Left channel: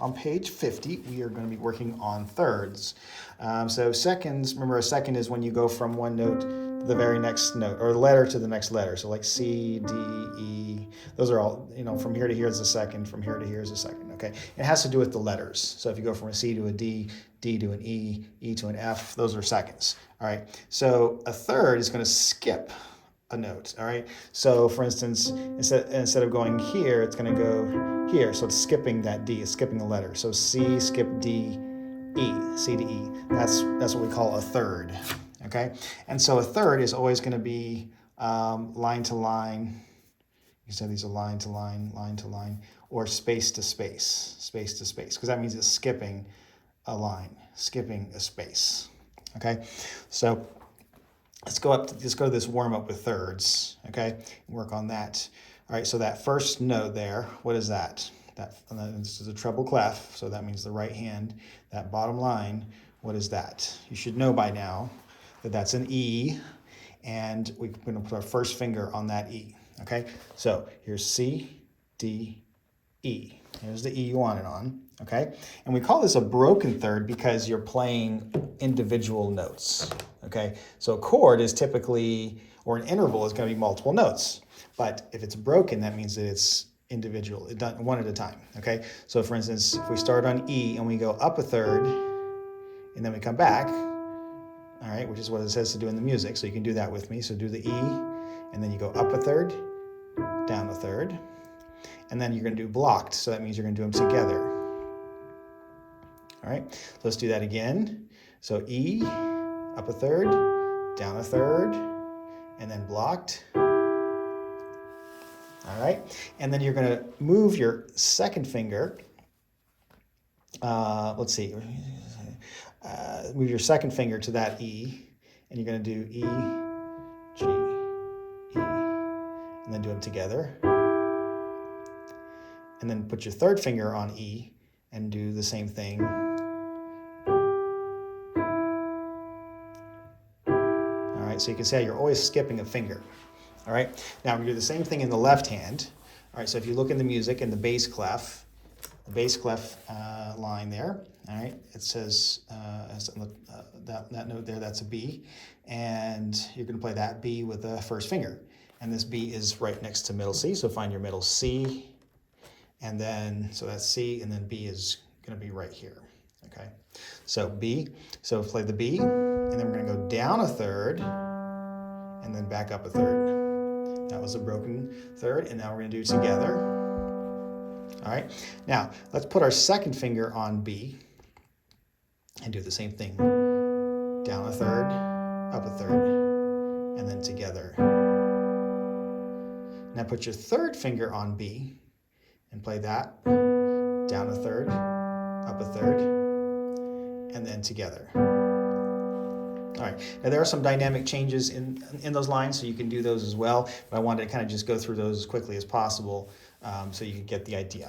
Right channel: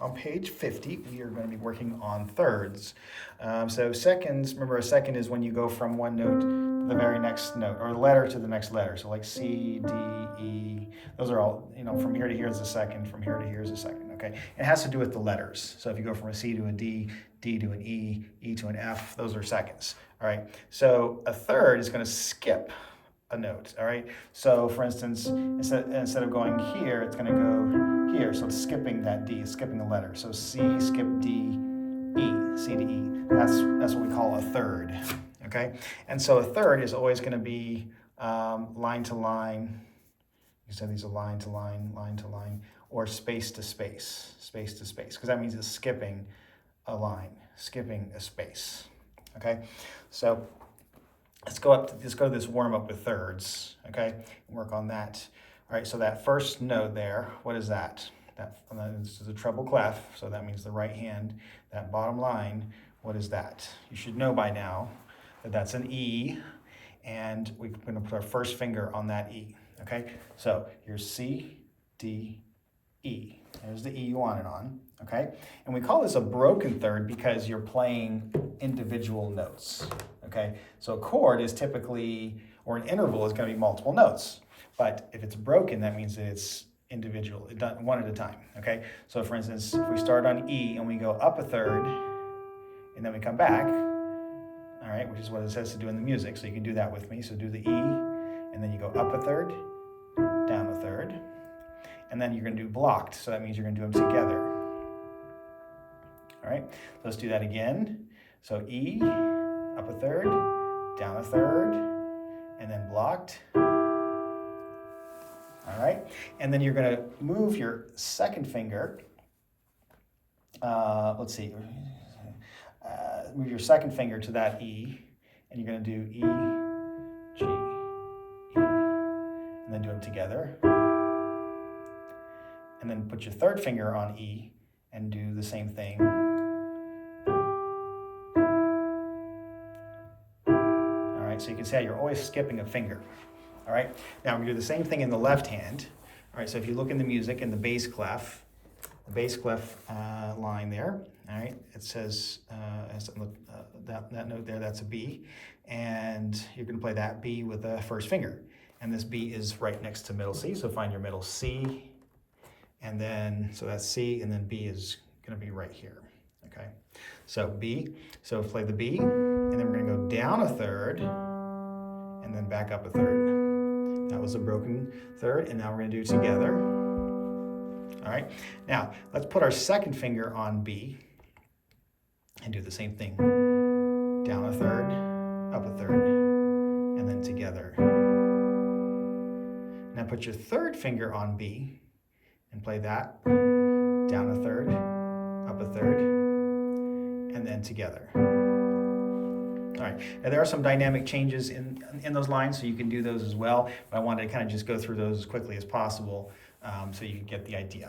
on page 50, we are going to be working on thirds. So seconds, remember a second is when you go from one note to the very next note, or letter to the next letter. So like C, D, E, those are all, from here to here is a second, from here to here is a second, okay? It has to do with the letters. So if you go from a C to a D, D to an E, E to an F, those are seconds, all right? So a third is going to skip a note, all right? So for instance, instead of going here, it's going to go here. So it's skipping that D, it's skipping the letter. So C, skip D, E, C to E. That's what we call a third, okay? And so a third is always going to be line to line. You said these are line to line, line to line, or space to space, space to space, because that means it's skipping a line, skipping a space, okay? So let's go to this warm up with thirds, okay? Work on that. All right, so that first note there, what is that? This is a treble clef, so that means the right hand. That bottom line, what is that? You should know by now that that's an E, and we're going to put our first finger on that E, okay? So here's C, D, E. Here's the E you want it on, okay? And we call this a broken third because you're playing individual notes, okay? So a chord is typically, or an interval is going to be multiple notes. But if it's broken, that means that it's individual, done one at a time, okay? So for instance, if we start on E and we go up a third, and then we come back, all right, which is what it says to do in the music. So you can do that with me. So do the E, and then you go up a third, down a third, and then you're going to do blocked. So that means you're going to do them together. All right, so let's do that again. So E, up a third, down a third, and then blocked. All right, and then you're going to move your second finger. Let's see. Move your second finger to that E, and you're going to do E, G, E, and then do them together. And then put your third finger on E and do the same thing. All right, so you can see how you're always skipping a finger. All right, now we do the same thing in the left hand. All right, so if you look in the music in the bass clef, line there, all right, it says, that note there, that's a B, and you're going to play that B with the first finger. And this B is right next to middle C, so find your middle C, and then, so that's C, and then B is going to be right here, okay? So B, so play the B, and then we're going to go down a third, and then back up a third. That was a broken third, and now we're going to do it together. All right, now let's put our second finger on B and do the same thing. Down a third, up a third, and then together. Now put your third finger on B and play that. Down a third, up a third, and then together. All right, now there are some dynamic changes in those lines, so you can do those as well, but I wanted to kind of just go through those as quickly as possible so you can get the idea.